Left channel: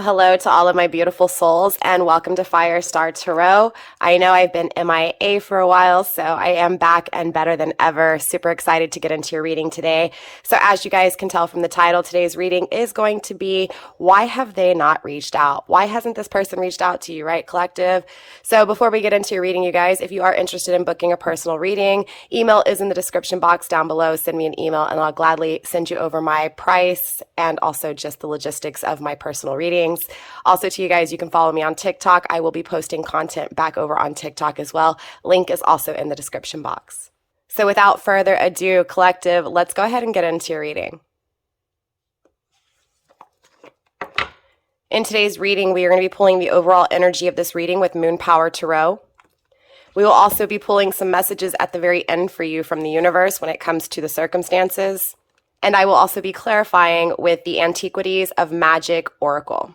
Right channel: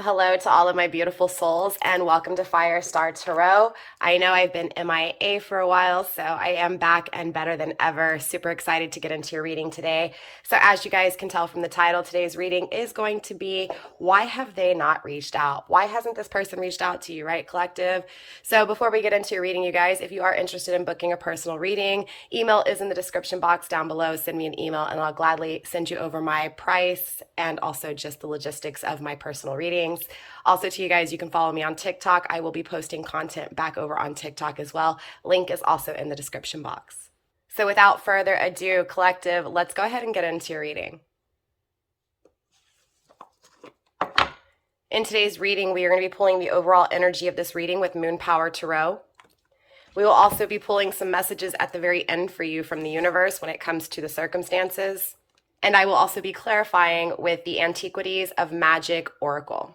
Well, hello to all of my beautiful souls, and welcome to Firestar Tarot. I know I've been MIA for a while, so I am back and better than ever. Super excited to get into your reading today. So as you guys can tell from the title, today's reading is going to be, why have they not reached out? Why hasn't this person reached out to you, right, collective? So before we get into your reading, you guys, if you are interested in booking a personal reading, email is in the description box down below. Send me an email and I'll gladly send you over my price and also just the logistics of my personal reading. Also to you guys, you can follow me on TikTok. I will be posting content back over on TikTok as well. Link is also in the description box. So without further ado, collective, let's go ahead and get into your reading. In today's reading, we are going to be pulling the overall energy of this reading with Moon Power Tarot. We will also be pulling some messages at the very end for you from the universe when it comes to the circumstances. And I will also be clarifying with the Antiquities of Magick Oracle.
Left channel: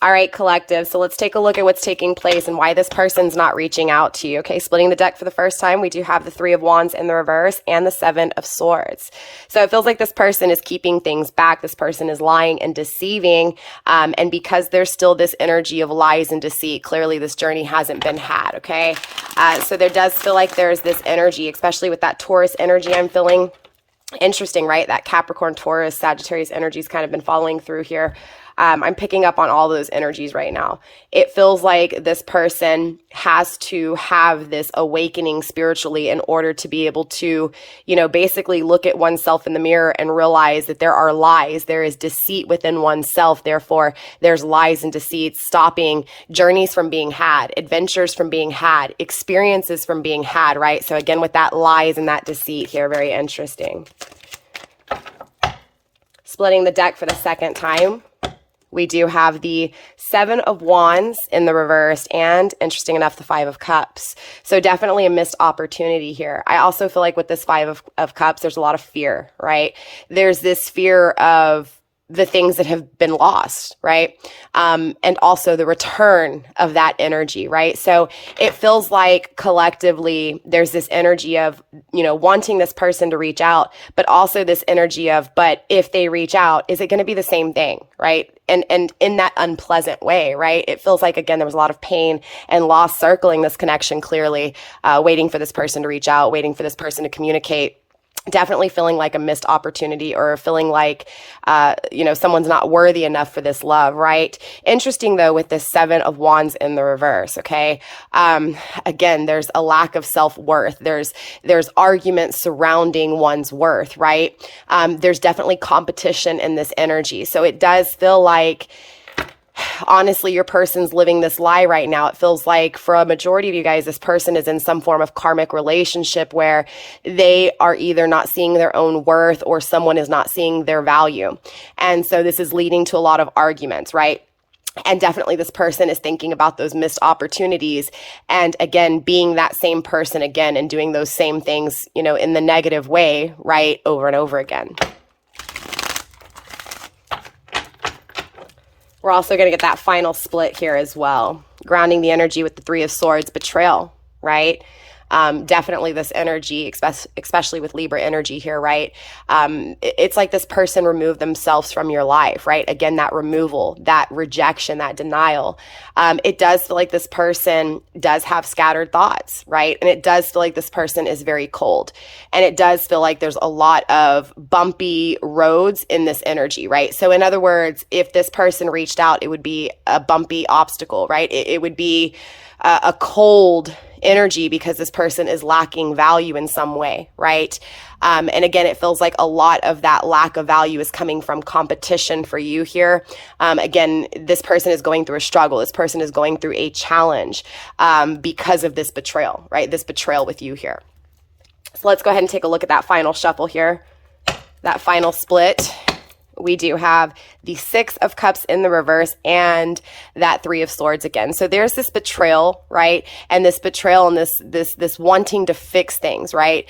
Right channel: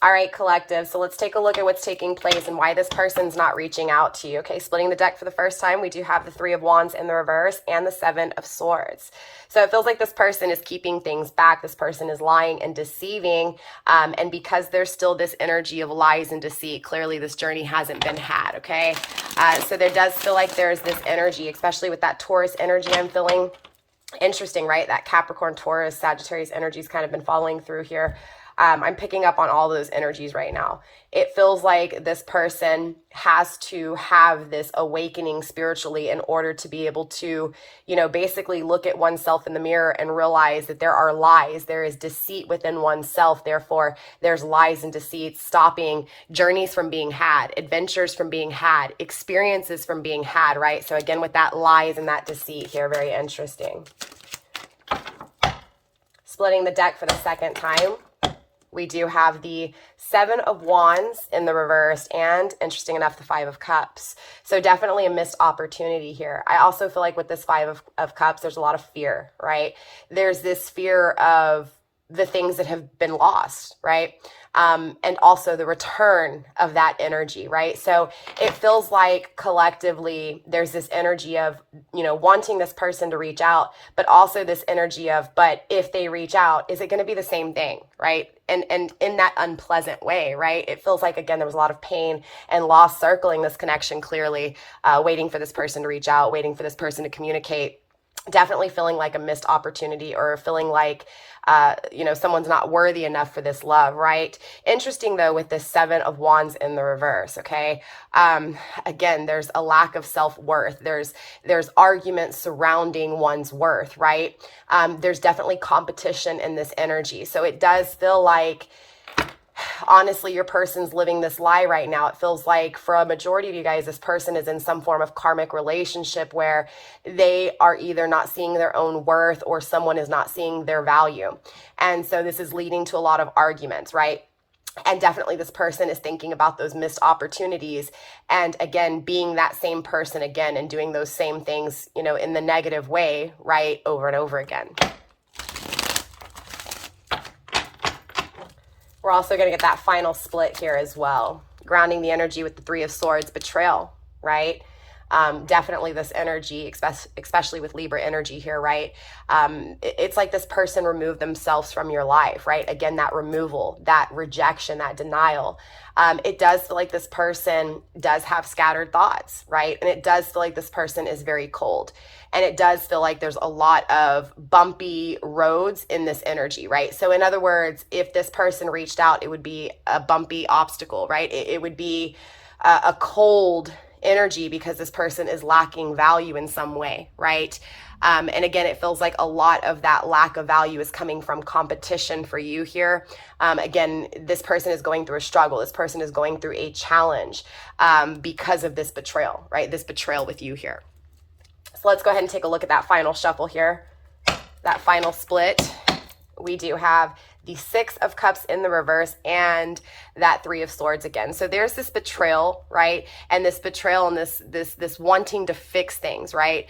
All right, collective, so let's take a look at what's taking place and why this person's not reaching out to you. Okay, splitting the deck for the first time, we do have the Three of Wands in the reverse and the Seven of Swords. So it feels like this person is keeping things back. This person is lying and deceiving. And because there's still this energy of lies and deceit, clearly this journey hasn't been had, okay? So there does feel like there's this energy, especially with that Taurus energy I'm feeling. Interesting, right? That Capricorn, Taurus, Sagittarius energy's kind of been following through here. I'm picking up on all those energies right now. It feels like this person has to have this awakening spiritually in order to be able to, you know, basically look at oneself in the mirror and realize that there are lies. There is deceit within oneself. Therefore, there's lies and deceits stopping journeys from being had, adventures from being had, experiences from being had, right? So again, with that lies and that deceit here, very interesting. Splitting the deck for the second time. We do have the Seven of Wands in the reverse and, interesting enough, the Five of Cups. So definitely a missed opportunity here. I also feel like with this Five of Cups, there's a lot of fear, right? There's this fear of the things that have been lost, right? And also the return of that energy, right? So it feels like collectively there's this energy of, you know, wanting this person to reach out, but also this energy of, but if they reach out, is it going to be the same thing, right? And in that unpleasant way, right? It feels like, again, there was a lot of pain and loss circling this connection clearly, waiting for this person to reach out, waiting for this person to communicate. Definitely feeling like a missed opportunity or feeling like, you know, someone's not worthy enough for this love, right? Interesting, though, with this Seven of Wands in the reverse, okay? Again, there's a lack of self-worth. There's arguments surrounding one's worth, right? There's definitely competition in this energy. So it does feel like, honestly, your person's living this lie right now. It feels like for a majority of you guys, this person is in some form of karmic relationship where they are either not seeing their own worth or someone is not seeing their value. And so this is leading to a lot of arguments, right? And definitely this person is thinking about those missed opportunities and, again, being that same person again and doing those same things, you know, in the negative way, right, over and over again. We're also going to get that final split here as well. Grounding the energy with the Three of Swords, betrayal, right? Definitely this energy, especially with Libra energy here, right? It's like this person removed themselves from your life, right? Again, that removal, that rejection, that denial. It does feel like this person does have scattered thoughts, right? And it does feel like this person is very cold. And it does feel like there's a lot of bumpy roads in this energy, right? So in other words, if this person reached out, it would be a bumpy obstacle, right? It would be a cold energy because this person is lacking value in some way, right? And again, it feels like a lot of that lack of value is coming from competition for you here. Again, this person is going through a struggle. This person is going through a challenge because of this betrayal, right? This betrayal with you here. So let's go ahead and take a look at that final shuffle here, that final split. We do have the Six of Cups in the reverse, and that Three of Swords again. So there's this betrayal, right? And this betrayal and this wanting to fix things, right?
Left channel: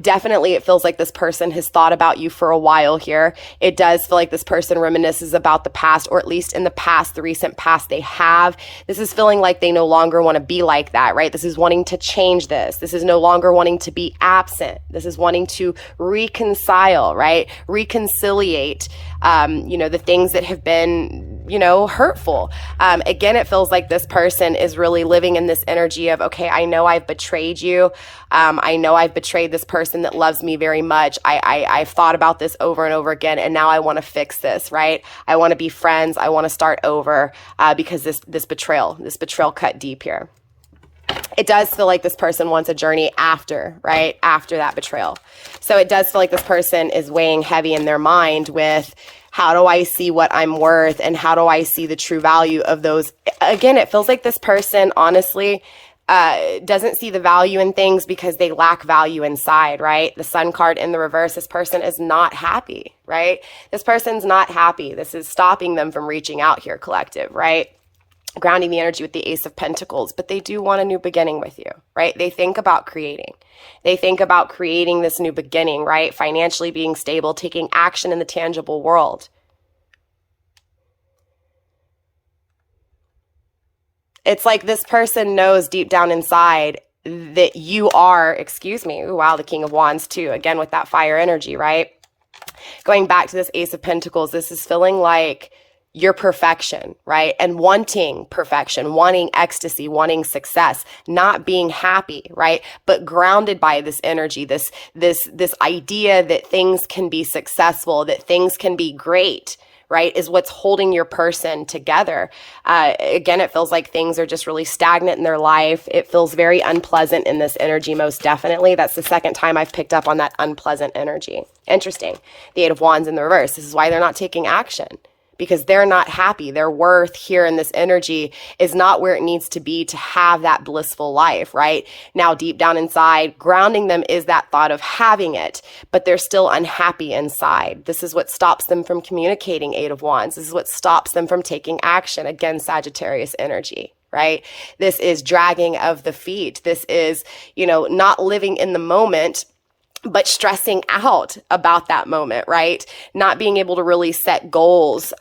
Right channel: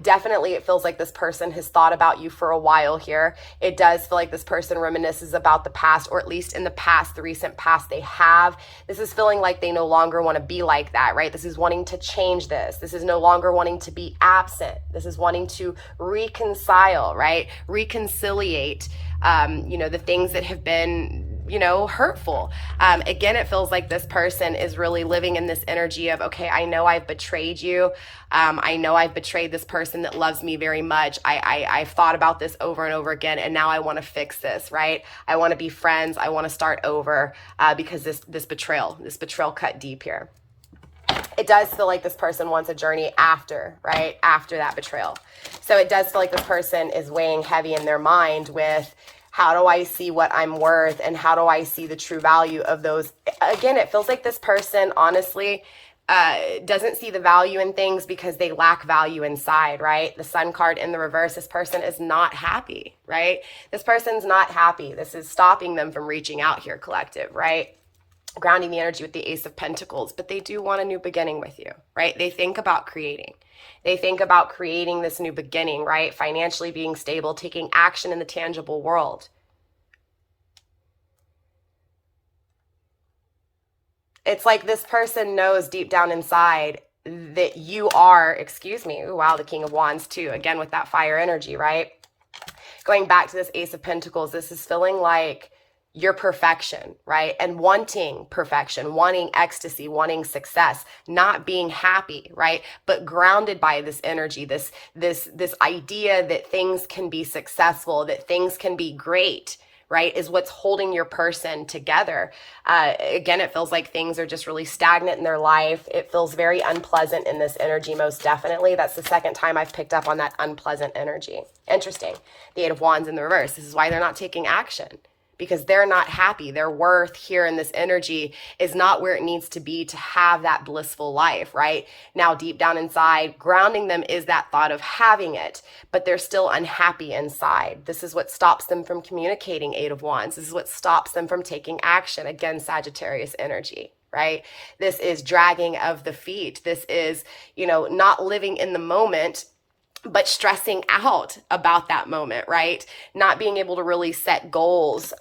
Definitely it feels like this person has thought about you for a while here. It does feel like this person reminisces about the past, or at least in the past, the recent past they have. This is feeling like they no longer want to be like that, right? This is wanting to change this. This is no longer wanting to be absent. This is wanting to reconcile, right? Reconciliate, the things that have been, hurtful. Again, it feels like this person is really living in this energy of, okay, I know I've betrayed you. I know I've betrayed this person that loves me very much. I've thought about this over and over again, and now I want to fix this, right? I want to be friends. I want to start over because this betrayal cut deep here. It does feel like this person wants a journey after, right? After that betrayal. So it does feel like this person is weighing heavy in their mind with, how do I see what I'm worth, and how do I see the true value of those? Again, it feels like this person, honestly, doesn't see the value in things because they lack value inside, right? The Sun card in the reverse, this person is not happy, right? This person's not happy. This is stopping them from reaching out here, collective, right? Grounding the energy with the Ace of Pentacles, but they do want a new beginning with you, right? They think about creating. They think about creating this new beginning, right? Financially being stable, taking action in the tangible world. It's like this person knows deep down inside that you are, ooh, wow, the King of Wands too, again with that fire energy, right? Going back to this Ace of Pentacles, this is feeling like your perfection, right? And wanting perfection, wanting ecstasy, wanting success, not being happy, right? But grounded by this energy, this idea that things can be successful, that things can be great, right? Is what's holding your person together. Again, it feels like things are just really stagnant in their life. It feels very unpleasant in this energy, most definitely. That's the second time I've picked up on that unpleasant energy. Interesting. The Eight of Wands in the reverse. This is why they're not taking action, because they're not happy. Their worth here in this energy is not where it needs to be to have that blissful life, right? Now, deep down inside, grounding them is that thought of having it, but they're still unhappy inside. This is what stops them from communicating, Eight of Wands. This is what stops them from taking action. Again, Sagittarius energy, right? This is dragging of the feet. This is, not living in the moment, but stressing out about that moment, right? Not being able to really set goals,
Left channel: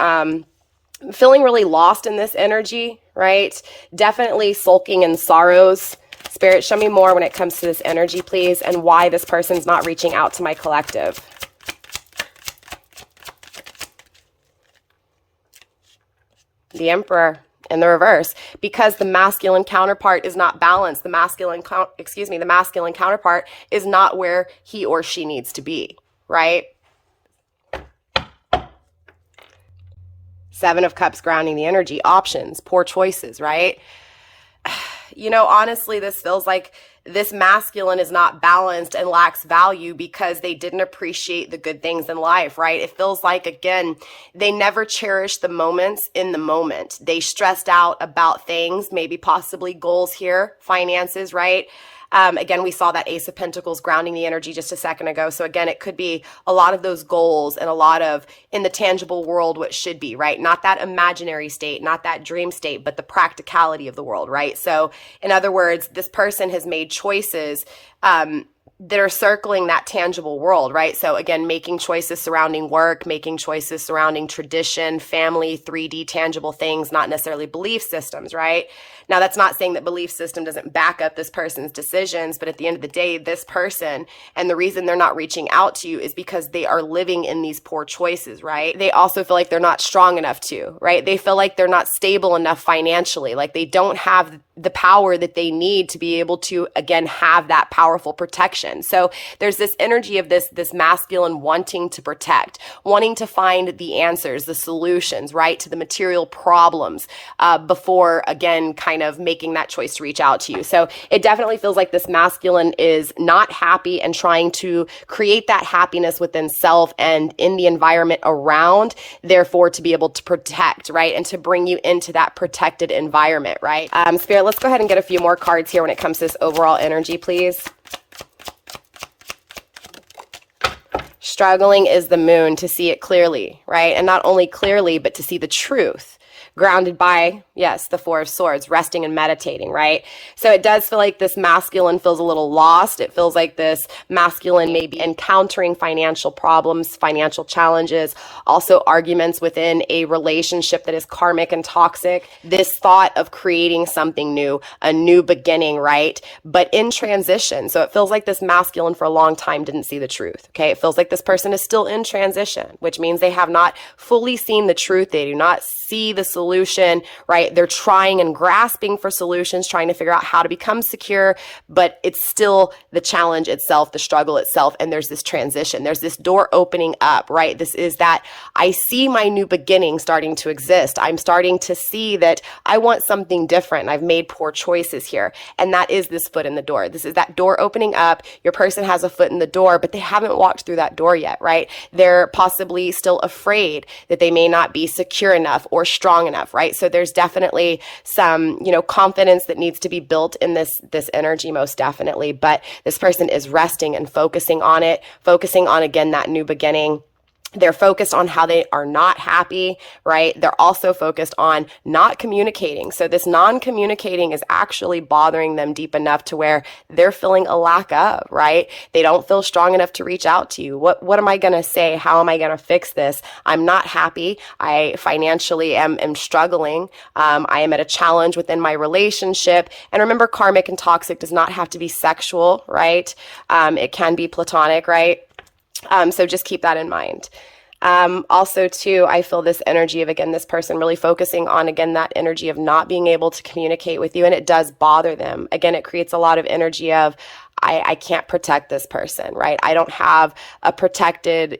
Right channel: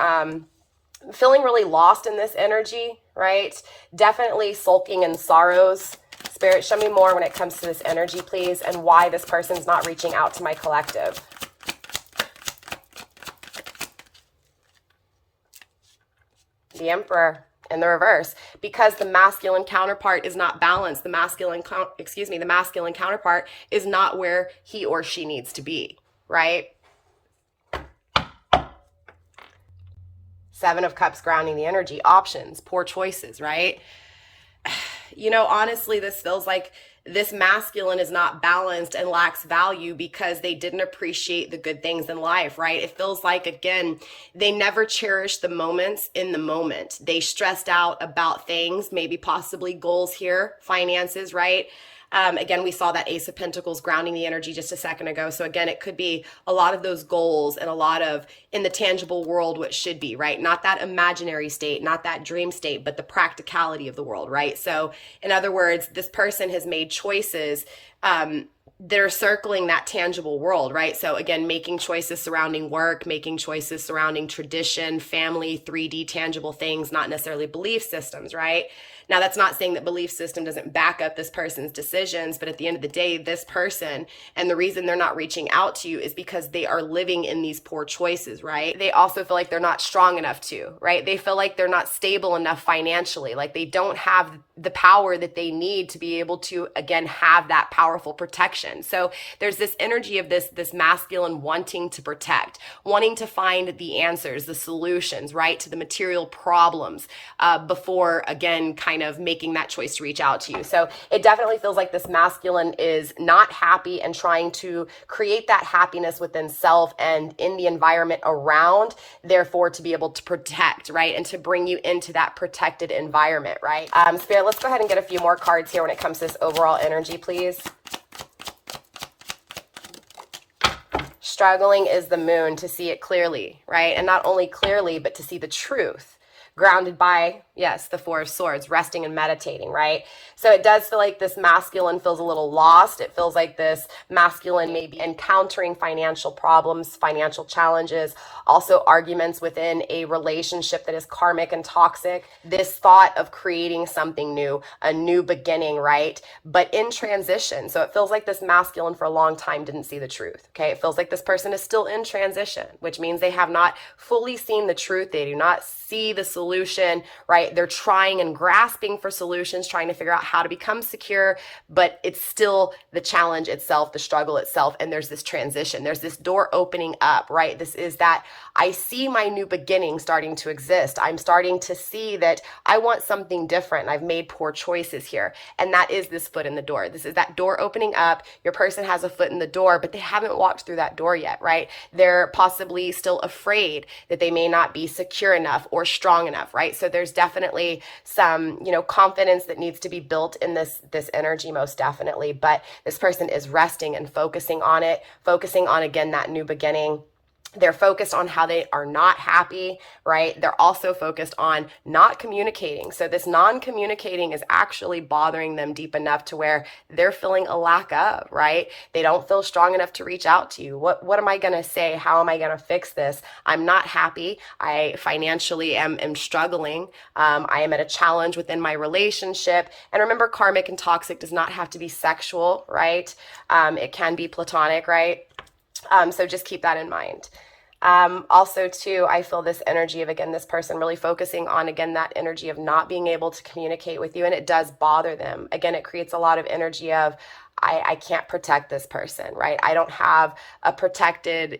feeling really lost in this energy, right? Definitely sulking in sorrows. Spirit, show me more when it comes to this energy, please, and why this person's not reaching out to my collective. The Emperor in the reverse, because the masculine counterpart is not balanced. The masculine counterpart is not where he or she needs to be, right? Seven of Cups grounding the energy, options, poor choices, right? Honestly, this feels like this masculine is not balanced and lacks value because they didn't appreciate the good things in life, right? It feels like, again, they never cherished the moments in the moment. They stressed out about things, maybe possibly goals here, finances, right? Again, we saw that Ace of Pentacles grounding the energy just a second ago. So again, it could be a lot of those goals and a lot of in the tangible world, what should be, right? Not that imaginary state, not that dream state, but the practicality of the world, right? So in other words, this person has made choices that are circling that tangible world, right? So again, making choices surrounding work, making choices surrounding tradition, family, 3D tangible things, not necessarily belief systems, right? Now, that's not saying that belief system doesn't back up this person's decisions, but at the end of the day, this person, and the reason they're not reaching out to you is because they are living in these poor choices, right? They also feel like they're not strong enough to, right? They feel like they're not stable enough financially, like they don't have the power that they need to be able to, again, have that powerful protection. So there's this energy of this masculine wanting to protect, wanting to find the answers, the solutions, right, to the material problems before, again, kind of making that choice to reach out to you. So it definitely feels like this masculine is not happy and trying to create that happiness within self and in the environment around, therefore to be able to protect, right, and to bring you into that protected environment, right? Spirit, let's go ahead and get a few more cards here when it comes to this overall energy, please. Struggling is the moon to see it clearly, right? And not only clearly, but to see the truth. Grounded by, yes, the Four of Swords, resting and meditating, right? So it does feel like this masculine feels a little lost. It feels like this masculine may be encountering financial problems, financial challenges, also arguments within a relationship that is karmic and toxic. This thought of creating something new, a new beginning, right? But in transition. So it feels like this masculine for a long time didn't see the truth, okay? It feels like this person is still in transition, which means they have not fully seen the truth. They do not see the solution, right? They're trying and grasping for solutions, trying to figure out how to become secure, but it's still the challenge itself, the struggle itself. And there's this transition, there's this door opening up, right? This is that I see my new beginning starting to exist. I'm starting to see that I want something different. I've made poor choices here. And that is this foot in the door. This is that door opening up. Your person has a foot in the door, but they haven't walked through that door yet, right? They're possibly still afraid that they may not be secure enough or strong enough, right? So there's definitely some, confidence that needs to be built in this energy, most definitely. But this person is resting and focusing on it, focusing on, again, that new beginning. They're focused on how they are not happy, right? They're also focused on not communicating. So this non-communicating is actually bothering them deep enough to where they're feeling a lack of, right? They don't feel strong enough to reach out to you. What am I going to say? How am I going to fix this? I'm not happy. I financially am struggling. I am at a challenge within my relationship. And remember, karmic and toxic does not have to be sexual, right? It can be platonic, right? So just keep that in mind. Also too, I feel this energy of, again, this person really focusing on, again, that energy of not being able to communicate with you. And it does bother them. Again, it creates a lot of energy of, I can't protect this person, right? I don't have a protected,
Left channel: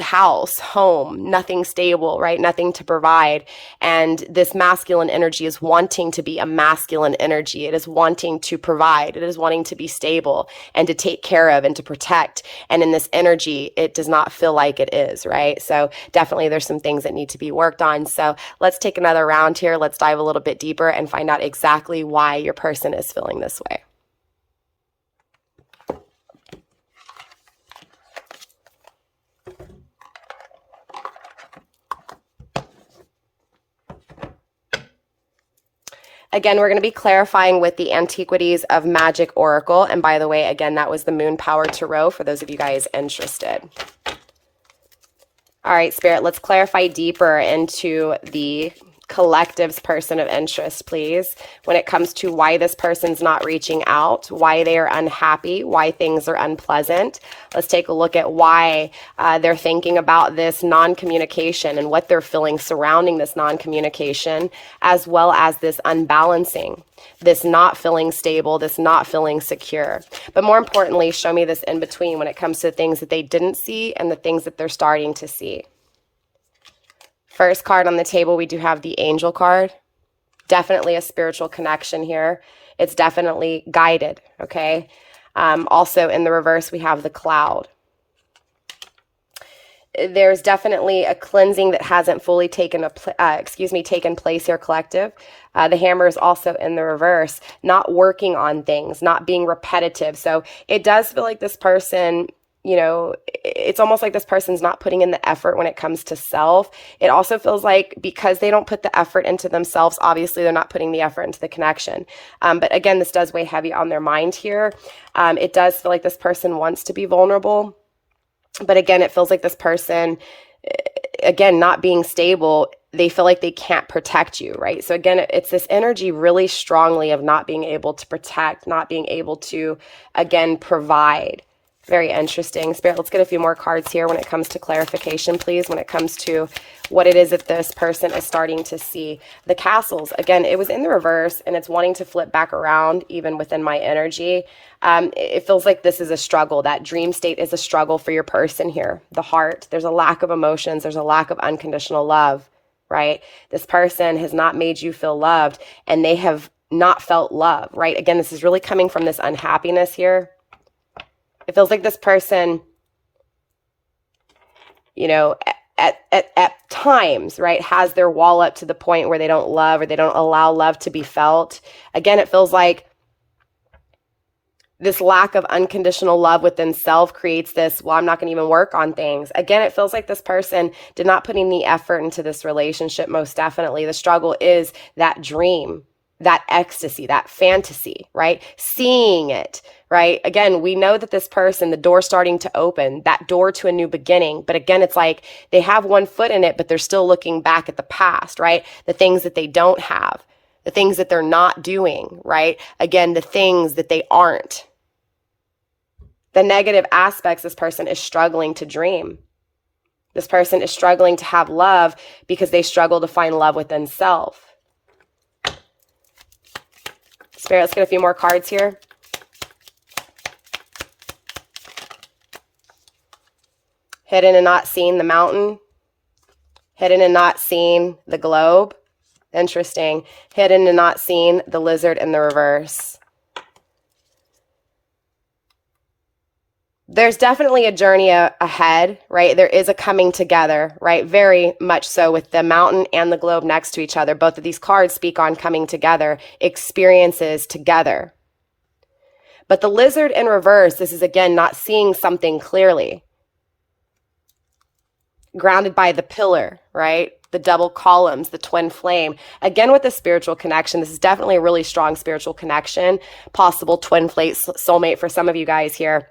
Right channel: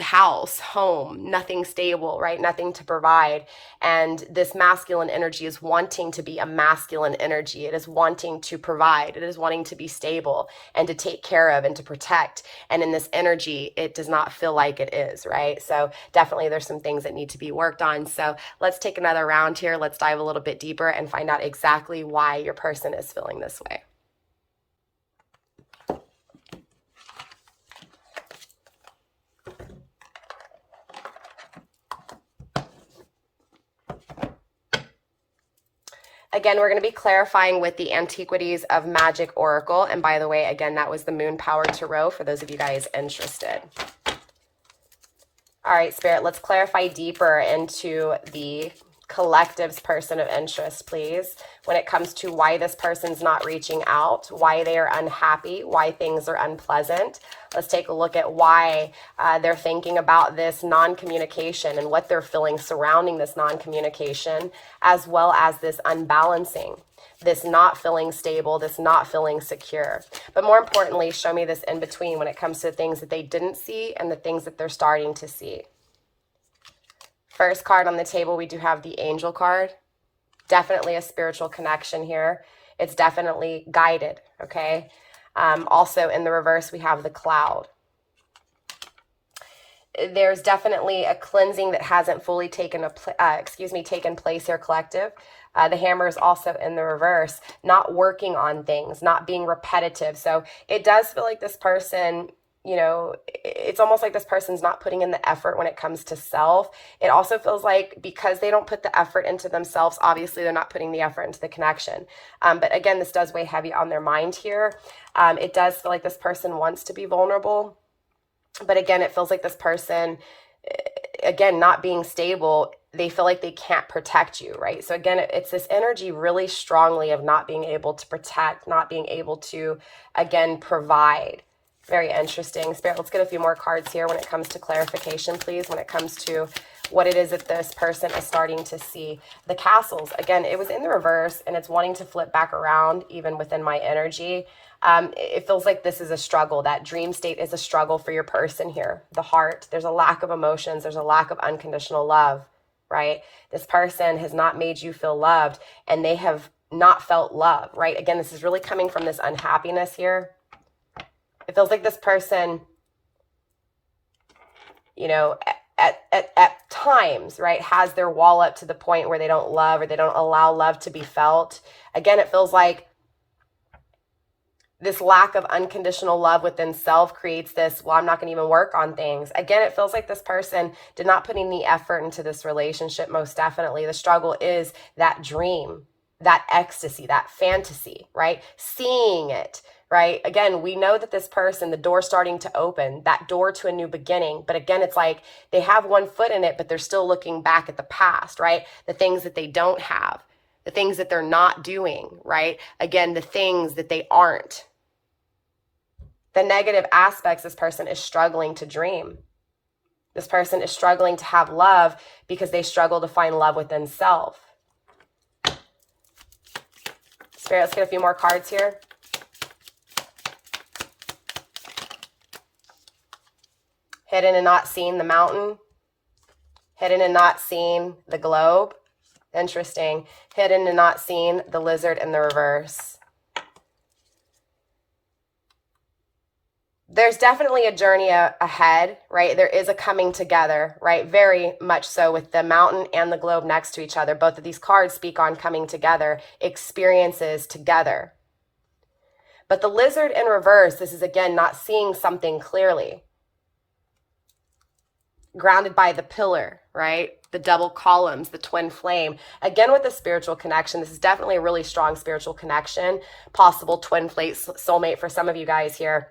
house, home, nothing stable, right? Nothing to provide. And this masculine energy is wanting to be a masculine energy. It is wanting to provide. It is wanting to be stable and to take care of and to protect. And in this energy, it does not feel like it is, right? So definitely there's some things that need to be worked on. So let's take another round here. Let's dive a little bit deeper and find out exactly why your person is feeling this way. Again, we're going to be clarifying with the Antiquities of Magick Oracle. And by the way, again, that was the Moon Power Tarot for those of you guys interested. All right, Spirit, let's clarify deeper into the collective's person of interest, please, when it comes to why this person's not reaching out, why they are unhappy, why things are unpleasant. Let's take a look at why they're thinking about this non-communication and what they're feeling surrounding this non-communication, as well as this unbalancing, this not feeling stable, this not feeling secure. But more importantly, show me this in between when it comes to things that they didn't see and the things that they're starting to see. First card on the table, we do have the Angel card. Definitely a spiritual connection here. It's definitely guided, okay? Also in the reverse, we have the Cloud. There's definitely a cleansing that hasn't fully taken place here, collective. The Hammer is also in the reverse, not working on things, not being repetitive. So it does feel like this person, it's almost like this person's not putting in the effort when it comes to self. It also feels like because they don't put the effort into themselves, obviously they're not putting the effort into the connection. But again, this does weigh heavy on their mind here. It does feel like this person wants to be vulnerable. But again, it feels like this person, again, not being stable, they feel like they can't protect you, right? So again, it's this energy really strongly of not being able to protect, not being able to, again, provide. Very interesting. Spirit, let's get a few more cards here when it comes to clarification, please, when it comes to what it is that this person is starting to see. The Castles, again, it was in the reverse and it's wanting to flip back around even within my energy. It feels like this is a struggle. That dream state is a struggle for your person here. The Heart, there's a lack of emotions. There's a lack of unconditional love, right? This person has not made you feel loved and they have not felt love, right? Again, this is really coming from this unhappiness here. It feels like this person, at times, right, has their wall up to the point where they don't love or they don't allow love to be felt. Again, it feels like This lack of unconditional love within self creates this, well, I'm not going to even work on things. Again, it feels like this person did not put any effort into this relationship, most definitely. The struggle is that dream, that ecstasy, that fantasy, right? Seeing it, right? Again, we know that this person, the door starting to open, that door to a new beginning. But again, it's like they have one foot in it, but they're still looking back at the past, right? The things that they don't have, the things that they're not doing, right? Again, the things that they aren't. The negative aspects, this person is struggling to dream. This person is struggling to have love because they struggle to find love within self. Spirit, let's get a few more cards here. Hidden and not seen the mountain. Hidden and not seen the globe. Interesting. Hidden and not seen the lizard in the reverse. There's definitely a journey ahead, right? There is a coming together, right? Very much so, with the mountain and the globe next to each other. Both of these cards speak on coming together, experiences together. But the lizard in reverse, this is again not seeing something clearly. Grounded by the pillar, right? The double columns, the twin flame. Again, with the spiritual connection, this is definitely a really strong spiritual connection. Possible twin flame soulmate for some of you guys here.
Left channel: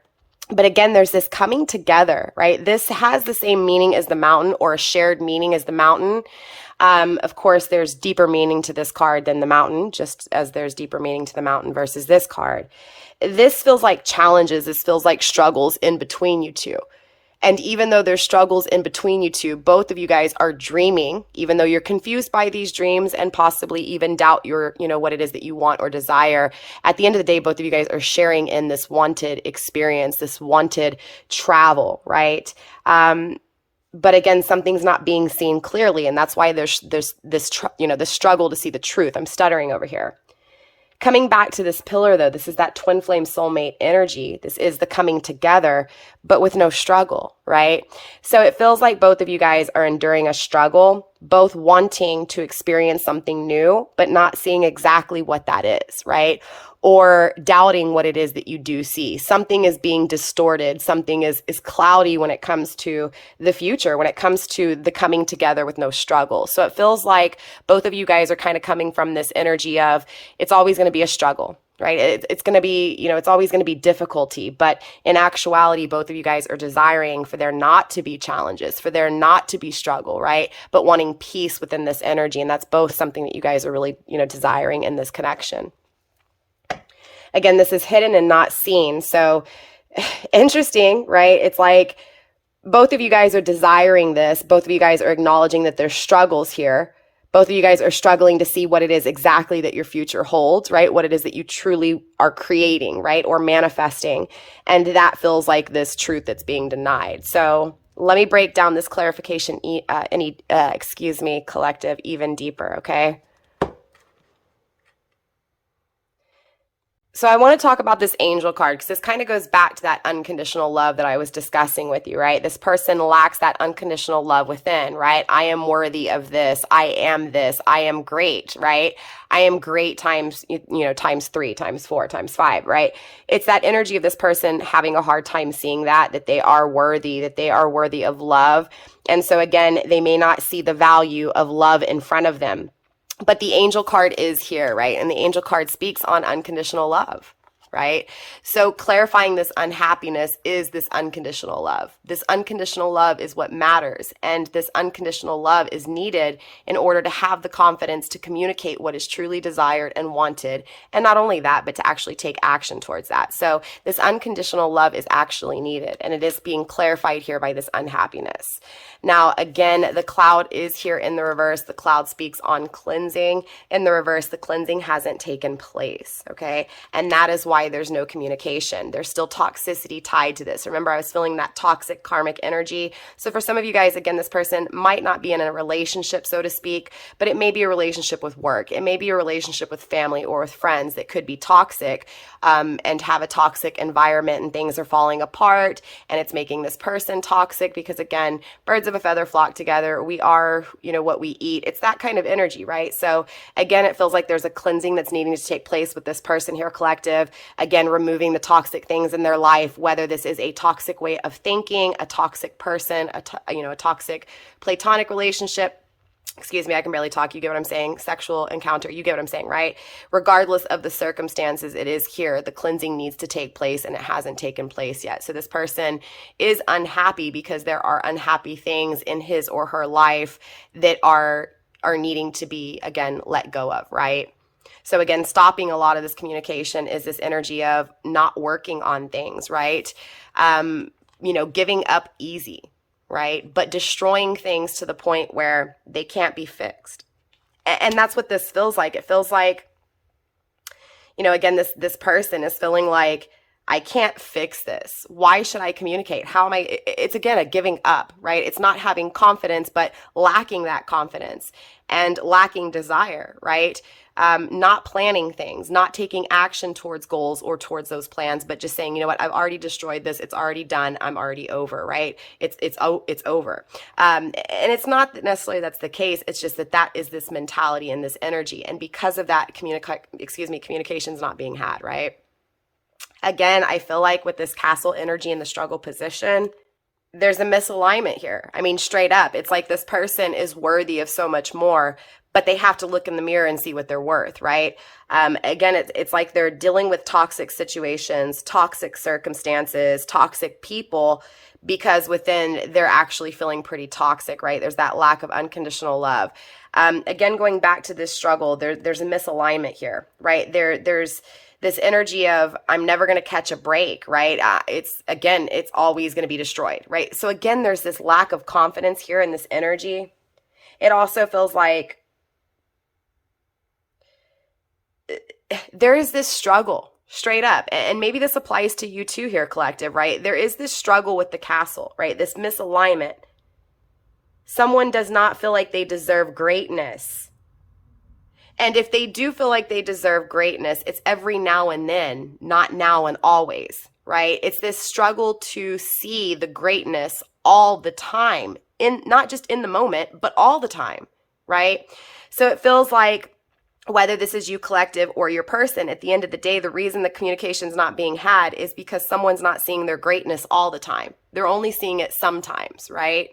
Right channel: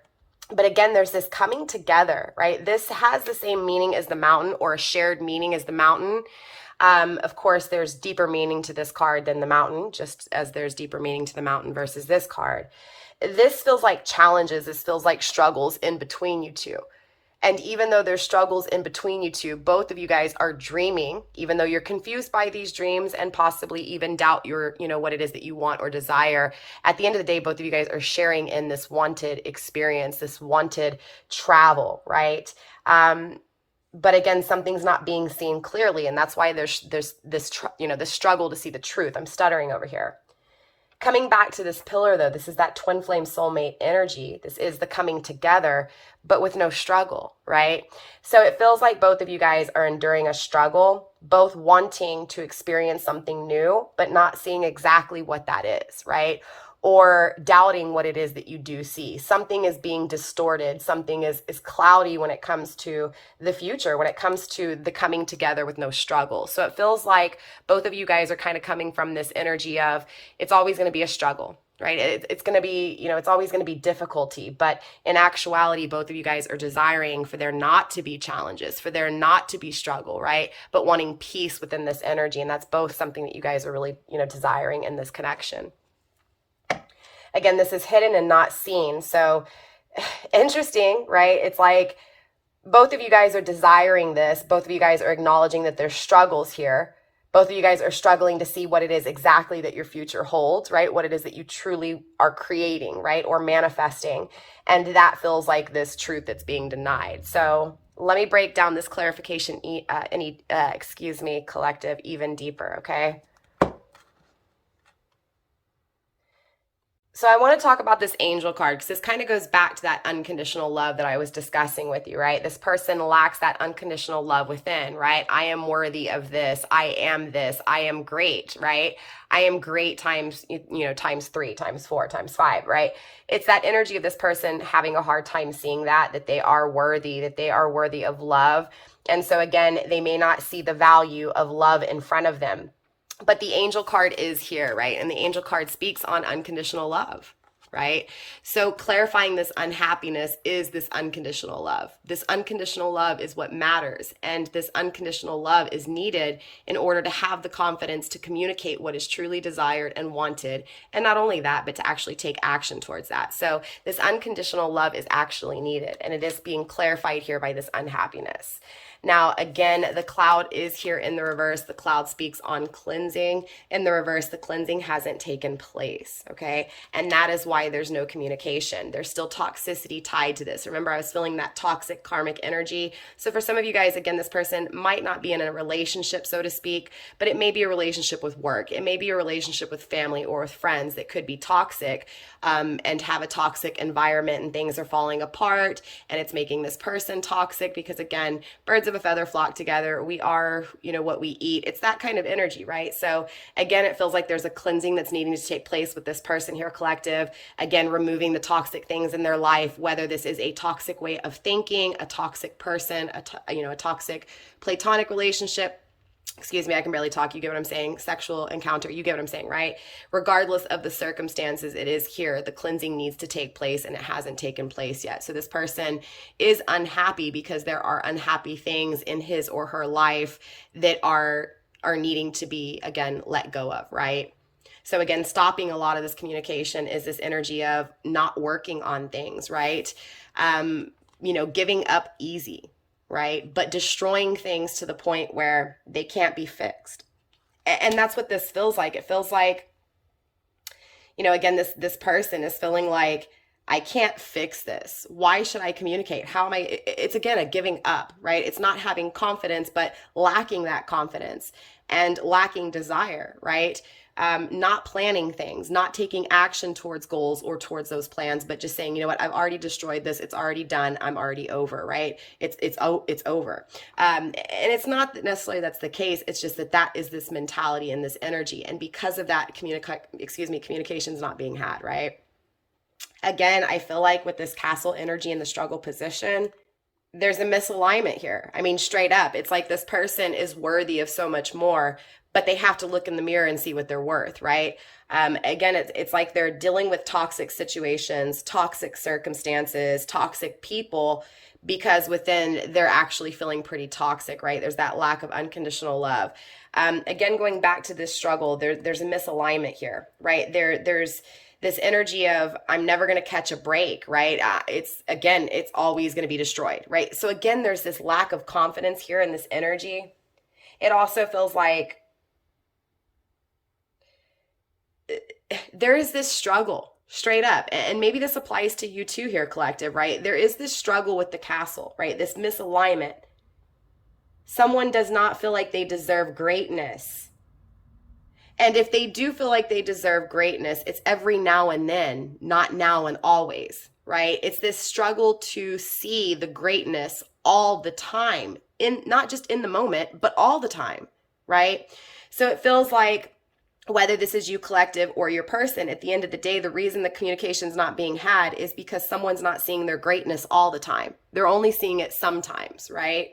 But again, there's this coming together, right? This has the same meaning as the mountain, or a shared meaning as the mountain. Of course, there's deeper meaning to this card than the mountain, just as there's deeper meaning to the mountain versus this card. This feels like challenges. This feels like struggles in between you two. And even though there's struggles in between you two, both of you guys are dreaming, even though you're confused by these dreams and possibly even doubt your, what it is that you want or desire. At the end of the day, both of you guys are sharing in this wanted experience, this wanted travel, right? But again, something's not being seen clearly. And that's why there's this, this struggle to see the truth. I'm stuttering over here. Coming back to this pillar, though, this is that twin flame soulmate energy. This is the coming together, but with no struggle, right? So it feels like both of you guys are enduring a struggle, both wanting to experience something new, but not seeing exactly what that is, right? Or doubting what it is that you do see. Something is being distorted. Something is cloudy when it comes to the future, when it comes to the coming together with no struggle. So it feels like both of you guys are kind of coming from this energy of it's always going to be a struggle, right? It's going to be, it's always going to be difficulty. But in actuality, both of you guys are desiring for there not to be challenges, for there not to be struggle, right? But wanting peace within this energy. And that's both something that you guys are really, desiring in this connection. Again, this is hidden and not seen. So interesting, right? It's like both of you guys are desiring this. Both of you guys are acknowledging that there's struggles here. Both of you guys are struggling to see what it is exactly that your future holds, right? What it is that you truly are creating, right? Or manifesting. And that feels like this truth that's being denied. So let me break down this clarification, collective, even deeper, okay? So I want to talk about this angel card because this kind of goes back to that unconditional love that I was discussing with you, right? This person lacks that unconditional love within, right? I am worthy of this. I am this. I am great, right? I am great times, times 3, times 4, times 5, right? It's that energy of this person having a hard time seeing that they are worthy, of love. And so again, they may not see the value of love in front of them. But the angel card is here, right? And the angel card speaks on unconditional love, right? So clarifying this unhappiness is this unconditional love. This unconditional love is what matters. And this unconditional love is needed in order to have the confidence to communicate what is truly desired and wanted. And not only that, but to actually take action towards that. So this unconditional love is actually needed. And it is being clarified here by this unhappiness. Now, again, the cloud is here in the reverse. The cloud speaks on cleansing. In the reverse, the cleansing hasn't taken place, okay? And that is why there's no communication. There's still toxicity tied to this. Remember, I was feeling that toxic karmic energy. So for some of you guys, again, this person might not be in a relationship, so to speak, but it may be a relationship with work. It may be a relationship with family or with friends that could be toxic and have a toxic environment, and things are falling apart and it's making this person toxic because, again, birds of a feather flock together. We are, what we eat. It's that kind of energy, right? So again, it feels like there's a cleansing that's needing to take place with this person here, collective. again, removing the toxic things in their life, whether this is a toxic way of thinking, a toxic person, a toxic platonic relationship. Excuse me, I can barely talk. You get what I'm saying? Sexual encounter. You get what I'm saying, right? Regardless of the circumstances, it is here. The cleansing needs to take place, and it hasn't taken place yet. So this person is unhappy because there are unhappy things in his or her life that are needing to be, again, let go of, right? So again, stopping a lot of this communication is this energy of not working on things, right? Giving up easy, right? But destroying things to the point where they can't be fixed. And that's what this feels like. It feels like, again, this person is feeling like, I can't fix this. Why should I communicate? How am I? It's again, a giving up, right? It's not having confidence, but lacking that confidence and lacking desire, right? Not planning things, not taking action towards goals or towards those plans, but just saying, you know what, I've already destroyed this. It's already done. I'm already over, right? It's over. And it's not necessarily that's the case. It's just that is this mentality and this energy. And because of that, communication's not being had, right? Again, I feel like with this castle energy and the struggle position, there's a misalignment here. I mean, straight up, it's like this person is worthy of so much more, but they have to look in the mirror and see what they're worth, right? Again, it's like they're dealing with toxic situations, toxic circumstances, toxic people, because within they're actually feeling pretty toxic, right? There's that lack of unconditional love. Again, going back to this struggle, there's a misalignment here, right? There's this energy of I'm never going to catch a break, right? It's always going to be destroyed, right? So again, there's this lack of confidence here in this energy. It also feels like there is this struggle straight up, and maybe this applies to you too here, collective, right? There is this struggle with the castle, right? This misalignment. Someone does not feel like they deserve greatness. And if they do feel like they deserve greatness, it's every now and then, not now and always, right? It's this struggle to see the greatness all the time, not just in the moment, but all the time, right? So it feels like whether this is you, collective, or your person, at the end of the day, the reason the communication is not being had is because someone's not seeing their greatness all the time. They're only seeing it sometimes, right?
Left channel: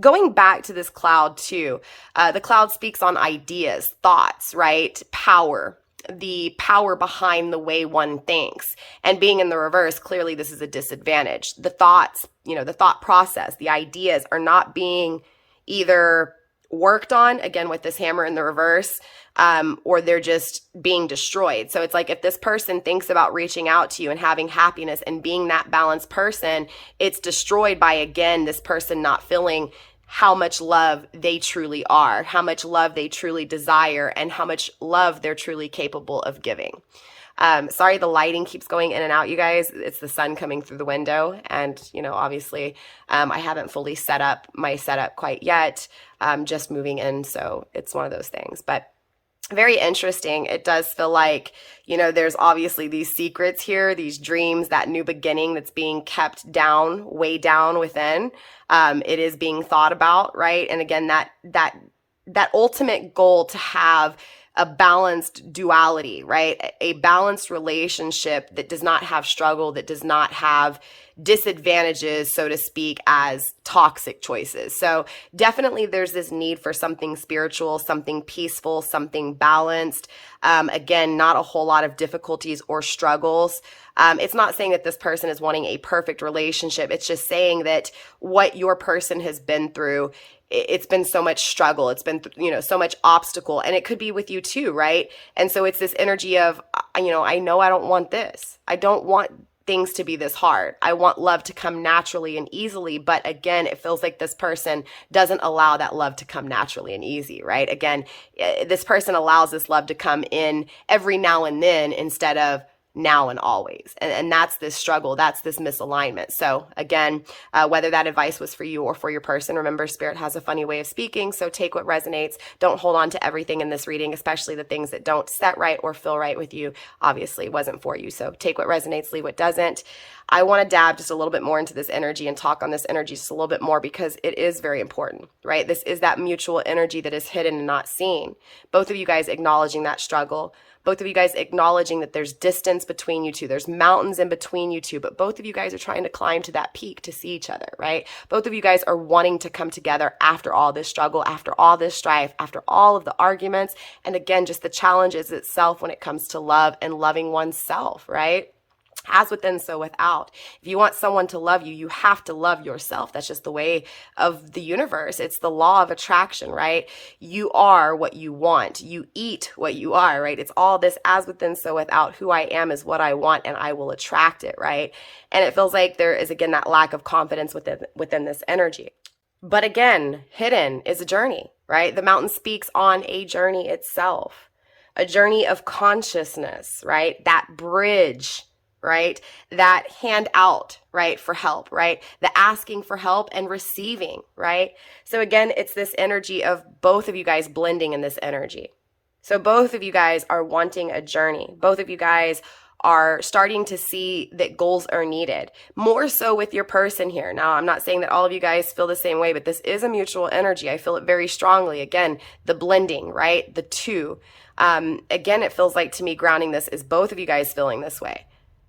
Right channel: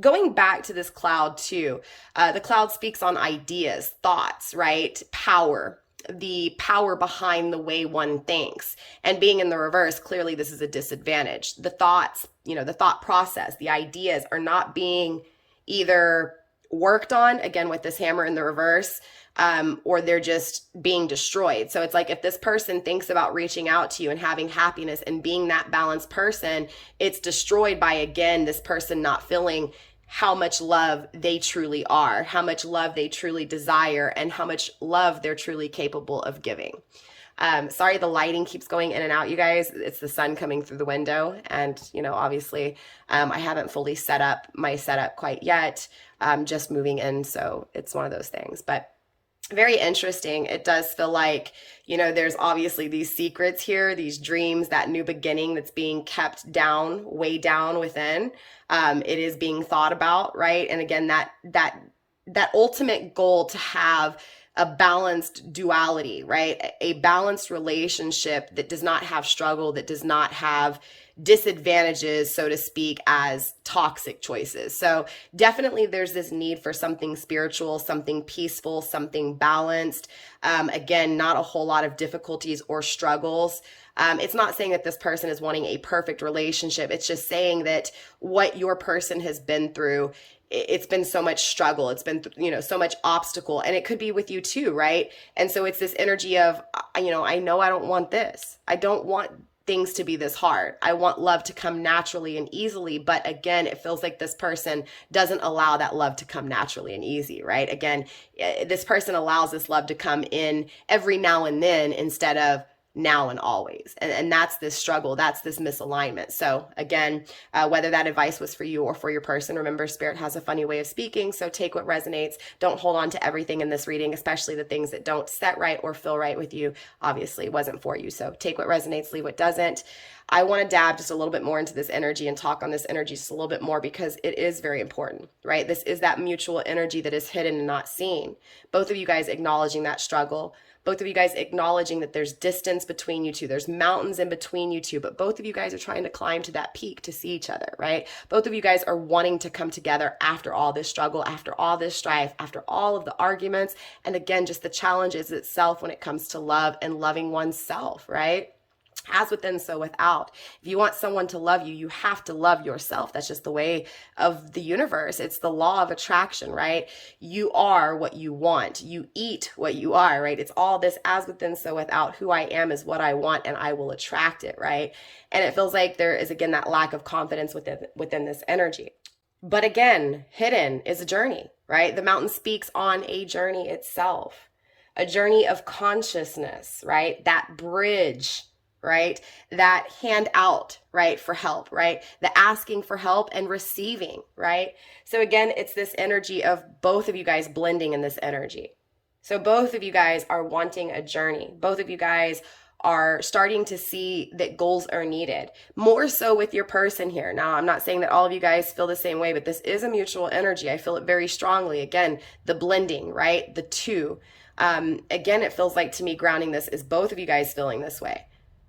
Going back to this cloud too, the cloud speaks on ideas, thoughts, right? Power, the power behind the way one thinks. And being in the reverse, clearly this is a disadvantage. The thoughts, the thought process, the ideas are not being either worked on, again, with this hammer in the reverse, or they're just being destroyed. So it's like if this person thinks about reaching out to you and having happiness and being that balanced person, it's destroyed by, again, this person not feeling how much love they truly are, how much love they truly desire, and how much love they're truly capable of giving. Sorry, the lighting keeps going in and out, you guys. It's the sun coming through the window. And, obviously, I haven't fully set up my setup quite yet. Just moving in. So it's one of those things, but very interesting. It does feel like, there's obviously these secrets here, these dreams, that new beginning that's being kept down, way down within. It is being thought about, right? And again, that ultimate goal to have a balanced duality, right? A balanced relationship that does not have struggle, that does not have disadvantages, so to speak, as toxic choices. So definitely there's this need for something spiritual, something peaceful, something balanced. Again, not a whole lot of difficulties or struggles. It's not saying that this person is wanting a perfect relationship. It's just saying that what your person has been through, it's been so much struggle. It's been, so much obstacle, and it could be with you too, right? And so it's this energy of, I know I don't want this. I don't want things to be this hard. I want love to come naturally and easily. But again, it feels like this person doesn't allow that love to come naturally and easy, right? Again, this person allows this love to come in every now and then instead of now and always. And that's this struggle. That's this misalignment. So again, whether that advice was for you or for your person, remember, Spirit has a funny way of speaking. So take what resonates. Don't hold on to everything in this reading, especially the things that don't set right or feel right with you. Obviously, it wasn't for you. So take what resonates, leave what doesn't. I want to dab just a little bit more into this energy and talk on this energy just a little bit more, because it is very important, right? This is that mutual energy that is hidden and not seen. Both of you guys acknowledging that struggle, Both of you guys acknowledging that there's distance between you two. There's mountains in between you two, but both of you guys are trying to climb to that peak to see each other, right? Both of you guys are wanting to come together after all this struggle, after all this strife, after all of the arguments. And again, just the challenges itself when it comes to love and loving oneself, right? As within, so without. If you want someone to love you, you have to love yourself. That's just the way of the universe. It's the law of attraction, right? You are what you want. You eat what you are, right? It's all this as within, so without. Who I am is what I want, and I will attract it, right? And it feels like there is, again, that lack of confidence within this energy. But again, hidden is a journey, right? The mountain speaks on a journey itself, a journey of consciousness, right? That bridge, right? That hand out, right? For help, right? The asking for help and receiving, right? So again, it's this energy of both of you guys blending in this energy. So both of you guys are wanting a journey. Both of you guys are starting to see that goals are needed, more so with your person here. Now, I'm not saying that all of you guys feel the same way, but this is a mutual energy. I feel it very strongly. Again, the blending, right? The two. Again, it feels like to me grounding this is both of you guys feeling this way.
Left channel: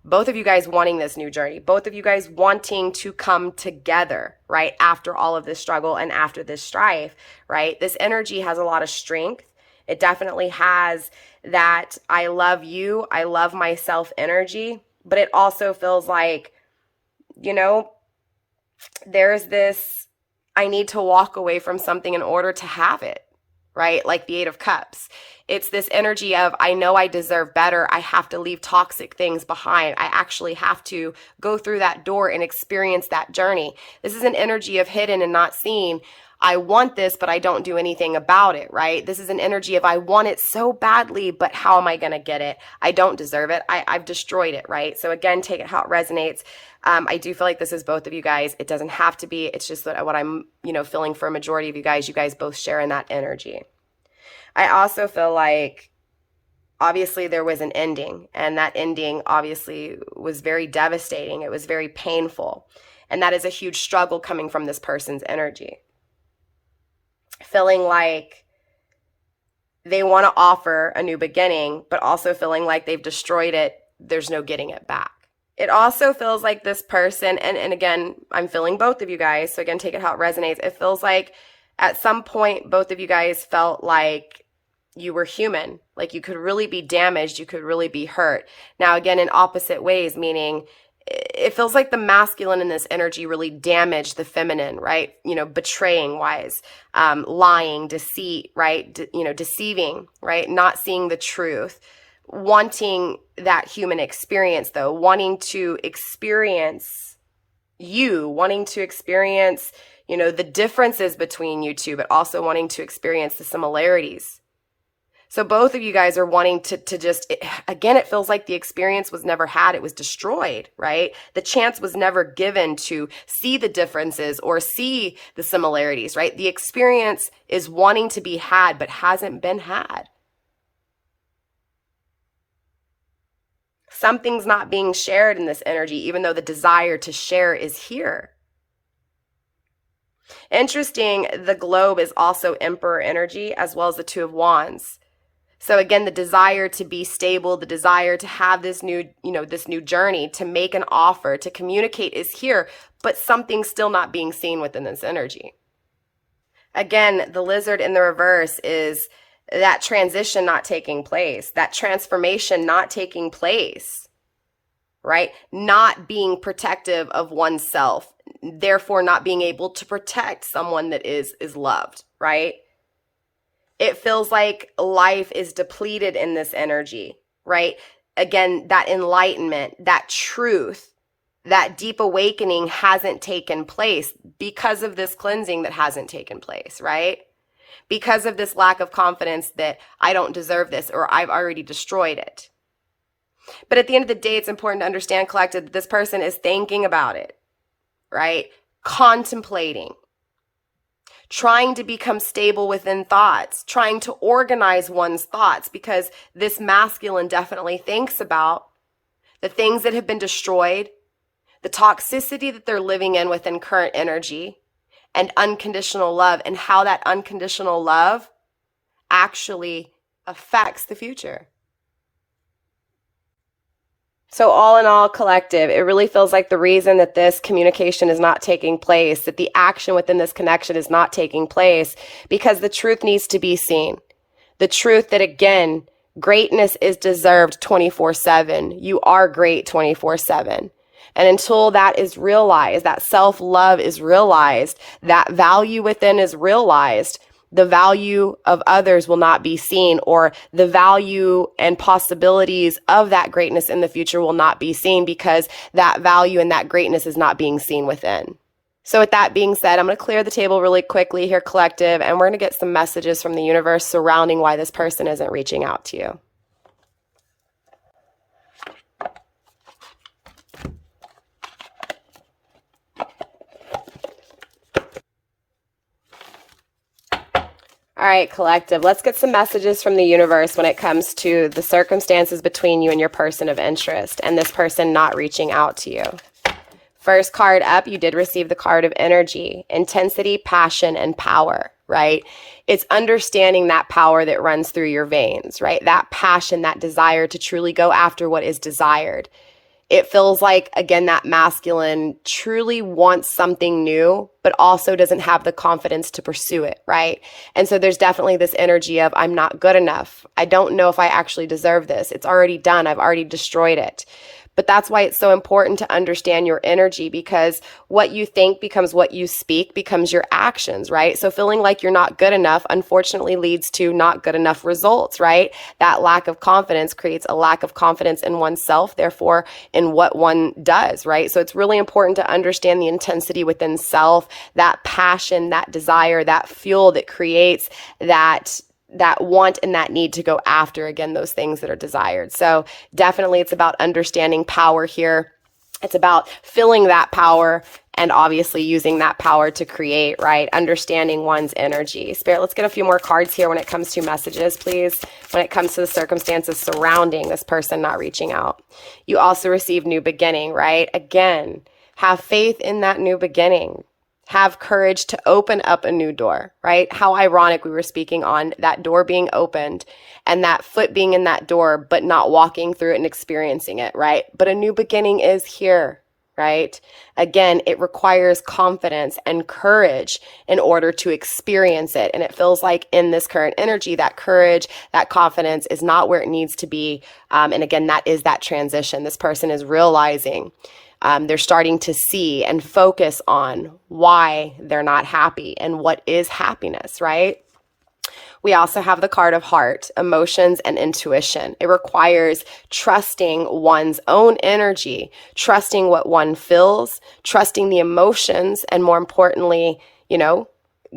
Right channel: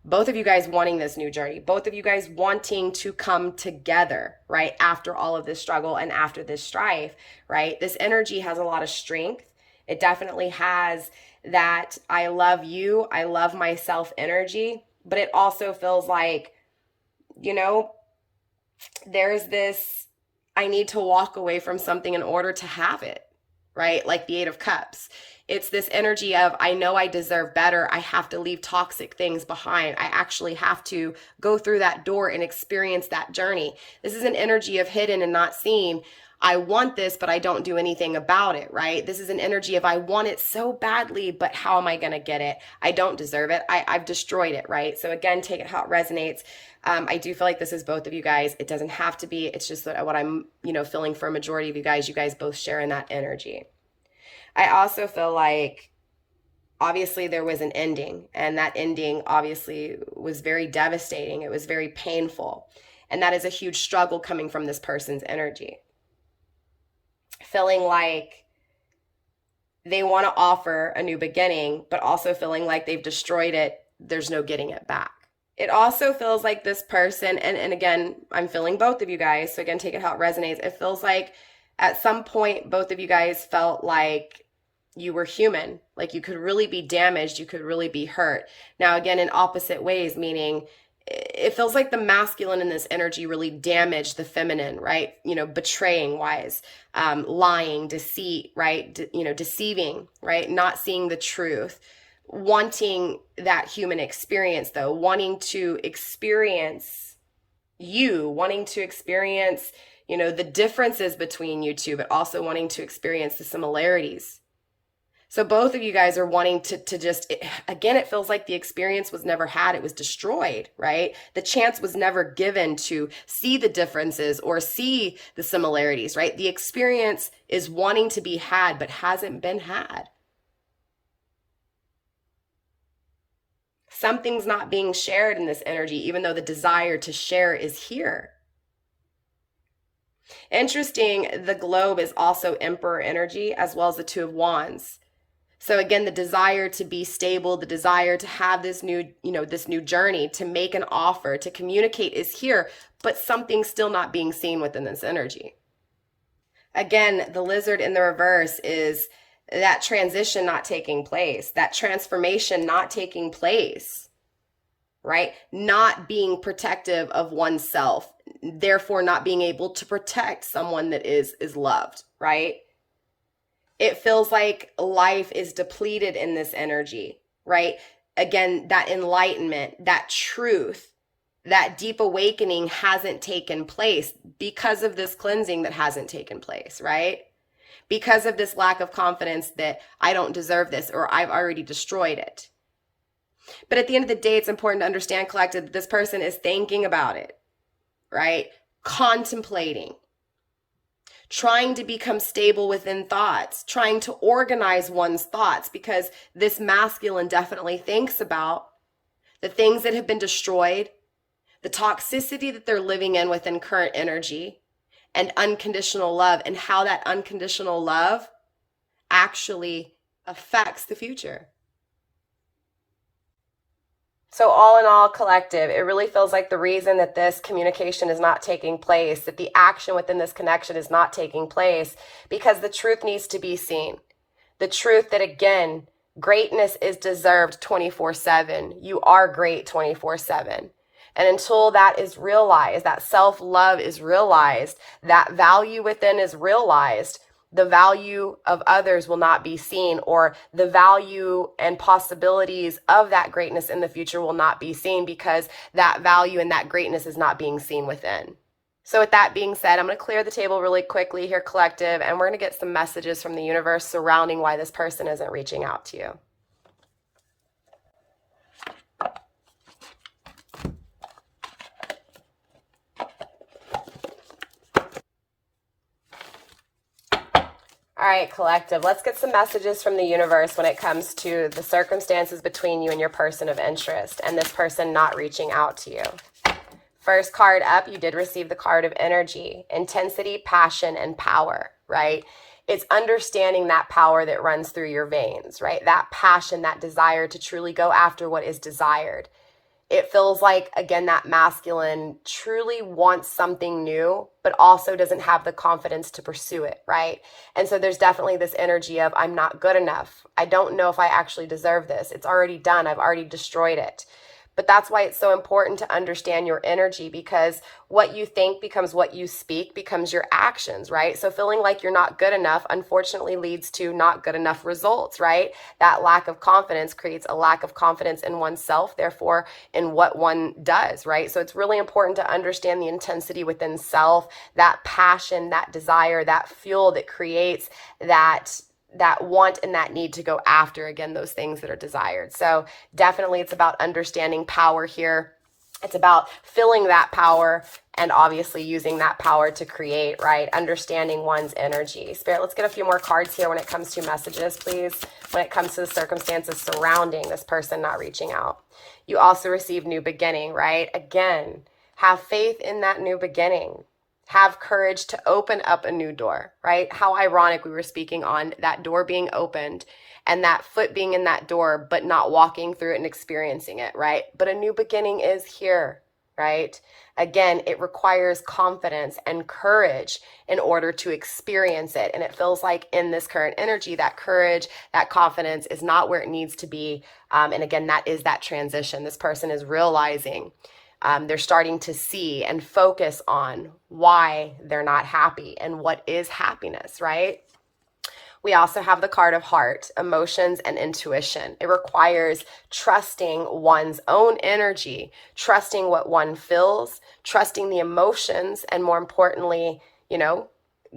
Both of you guys wanting this new journey, both of you guys wanting to come together, right? After all of this struggle and after this strife, right? This energy has a lot of strength. It definitely has that I love you, I love myself energy, but it also feels like, you know, there's this, I need to walk away from something in order to have it, right? Like the Eight of Cups. It's this energy of, I know I deserve better. I have to leave toxic things behind. I actually have to go through that door and experience that journey. This is an energy of hidden and not seen. I want this, but I don't do anything about it, right? This is an energy of, I want it so badly, but how am I going to get it? I don't deserve it. I've destroyed it, right? So again, take it how it resonates. I do feel like this is both of you guys. It doesn't have to be. It's just that what I'm, feeling for a majority of you guys both share in that energy. I also feel like obviously there was an ending, and that ending obviously was very devastating. It was very painful. And that is a huge struggle coming from this person's energy. Feeling like they want to offer a new beginning, but also feeling like they've destroyed it. There's no getting it back. It also feels like this person, and again, I'm feeling both of you guys, so again, take it how it resonates. It feels like at some point, both of you guys felt like you were human, like you could really be damaged, you could really be hurt. Now, again, in opposite ways, meaning it feels like the masculine in this energy really damaged the feminine, right? Betraying wise, lying, deceit, right? Deceiving, right? Not seeing the truth, wanting that human experience though, wanting to experience you, wanting to experience, the differences between you two, but also wanting to experience the similarities. So both of you guys are wanting to just, again, it feels like the experience was never had. It was destroyed, right? The chance was never given to see the differences or see the similarities, right? The experience is wanting to be had, but hasn't been had. Something's not being shared in this energy, even though the desire to share is here. Interesting, the globe is also Emperor energy as well as the Two of Wands. So again, the desire to be stable, the desire to have this new, this new journey, to make an offer, to communicate is here, but something's still not being seen within this energy. Again, the lizard in the reverse is that transition not taking place, that transformation not taking place, right? Not being protective of oneself, therefore not being able to protect someone that is loved, right? It feels like life is depleted in this energy, right? Again, that enlightenment, that truth, that deep awakening hasn't taken place because of this cleansing that hasn't taken place, right? Because of this lack of confidence that I don't deserve this or I've already destroyed it. But at the end of the day, it's important to understand, collective, that this person is thinking about it, right? Contemplating. Trying to become stable within thoughts, trying to organize one's thoughts, because this masculine definitely thinks about the things that have been destroyed, the toxicity that they're living in within current energy, and unconditional love, and how that unconditional love actually affects the future. So all in all, collective, it really feels like the reason that this communication is not taking place, that the action within this connection is not taking place, because the truth needs to be seen. The truth that, again, greatness is deserved 24/7. You are great 24/7. And until that is realized, that self-love is realized, that value within is realized, the value of others will not be seen, or the value and possibilities of that greatness in the future will not be seen, because that value and that greatness is not being seen within. So with that being said, I'm going to clear the table really quickly here, collective, and we're going to get some messages from the universe surrounding why this person isn't reaching out to you. All right, collective, let's get some messages from the universe when it comes to the circumstances between you and your person of interest and this person not reaching out to you. First card up, you did receive the card of energy, intensity, passion, and power, right? It's understanding that power that runs through your veins, right? That passion, that desire to truly go after what is desired. It feels like, again, that masculine truly wants something new, but also doesn't have the confidence to pursue it, right? And so there's definitely this energy of, I'm not good enough. I don't know if I actually deserve this. It's already done. I've already destroyed it. But that's why it's so important to understand your energy, because what you think becomes what you speak, becomes your actions, right? So feeling like you're not good enough, unfortunately, leads to not good enough results, right? That lack of confidence creates a lack of confidence in oneself, therefore in what one does, right? So it's really important to understand the intensity within self, that passion, that desire, that fuel that creates that want and that need to go after, again, those things that are desired. So definitely it's about understanding power here. It's about filling that power and obviously using that power to create, right? Understanding one's energy. Spirit, let's get a few more cards here when it comes to messages, please. When it comes to the circumstances surrounding this person not reaching out. You also receive new beginning, right? Again, have faith in that new beginning. Have courage to open up a new door, right? How ironic we were speaking on that door being opened and that foot being in that door, but not walking through it and experiencing it, right? But a new beginning is here, right? Again, it requires confidence and courage in order to experience it. And it feels like in this current energy, that courage, that confidence is not where it needs to be. And again, that is that transition. This person is realizing they're starting to see and focus on why they're not happy and what is happiness, right? We also have the card of heart, emotions, and intuition. It requires trusting one's own energy, trusting what one feels, trusting the emotions, and more importantly,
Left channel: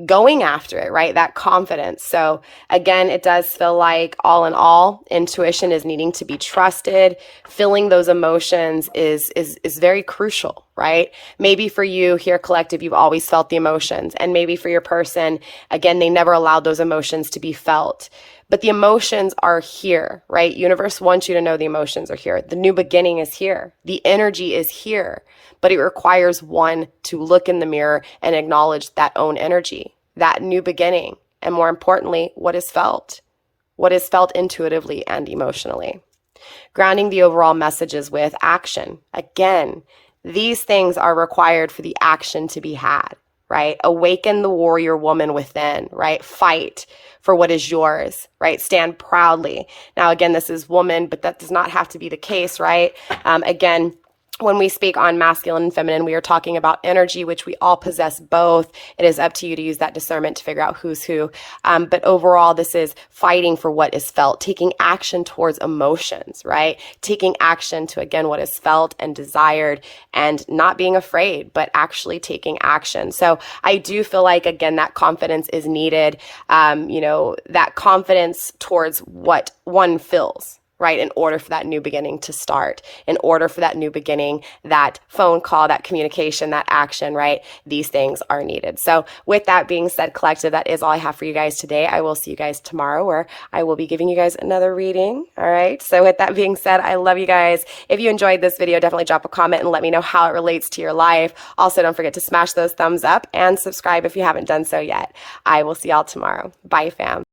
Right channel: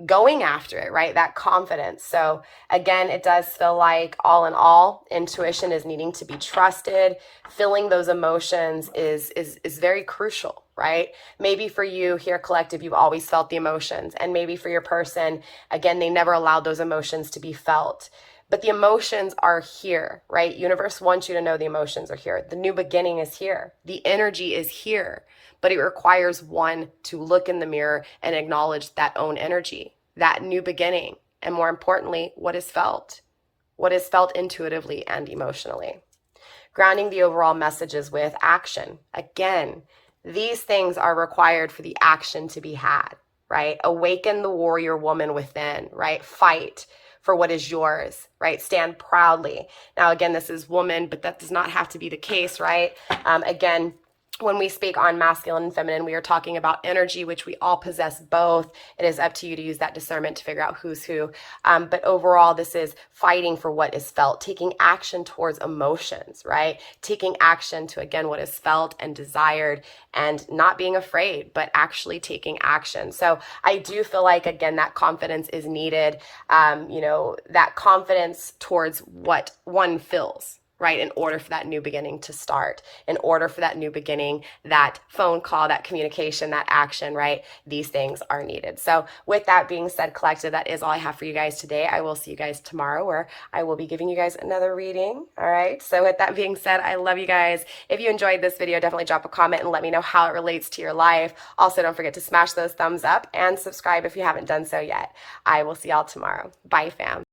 going after it, right? That confidence. So again, it does feel like all in all, intuition is needing to be trusted. Feeling those emotions is very crucial, right? Maybe for you here, collective, you've always felt the emotions. And maybe for your person, again, they never allowed those emotions to be felt. But the emotions are here, right? Universe wants you to know the emotions are here. The new beginning is here. The energy is here. But it requires one to look in the mirror and acknowledge that own energy, that new beginning, and more importantly, what is felt intuitively and emotionally. Grounding the overall messages with action. Again, these things are required for the action to be had, right? Awaken the warrior woman within, right? Fight for what is yours, right? Stand proudly. Now, again, this is woman, but that does not have to be the case, right? Again, when we speak on masculine and feminine, we are talking about energy, which we all possess both. It is up to you to use that discernment to figure out who's who. But overall, this is fighting for what is felt, taking action towards emotions, right? Taking action to, again, what is felt and desired, and not being afraid, but actually taking action. So I do feel like, again, that confidence is needed, that confidence towards what one feels, right? In order for that new beginning to start, in order for that new beginning, that phone call, that communication, that action, right? These things are needed. So with that being said, collective, that is all I have for you guys today. I will see you guys tomorrow, where I will be giving you guys another reading. All right. So with that being said, I love you guys. If you enjoyed this video, definitely drop a comment and let me know how it relates to your life. Also, don't forget to smash those thumbs up and subscribe if you haven't done so yet. I will see y'all tomorrow. Bye, fam.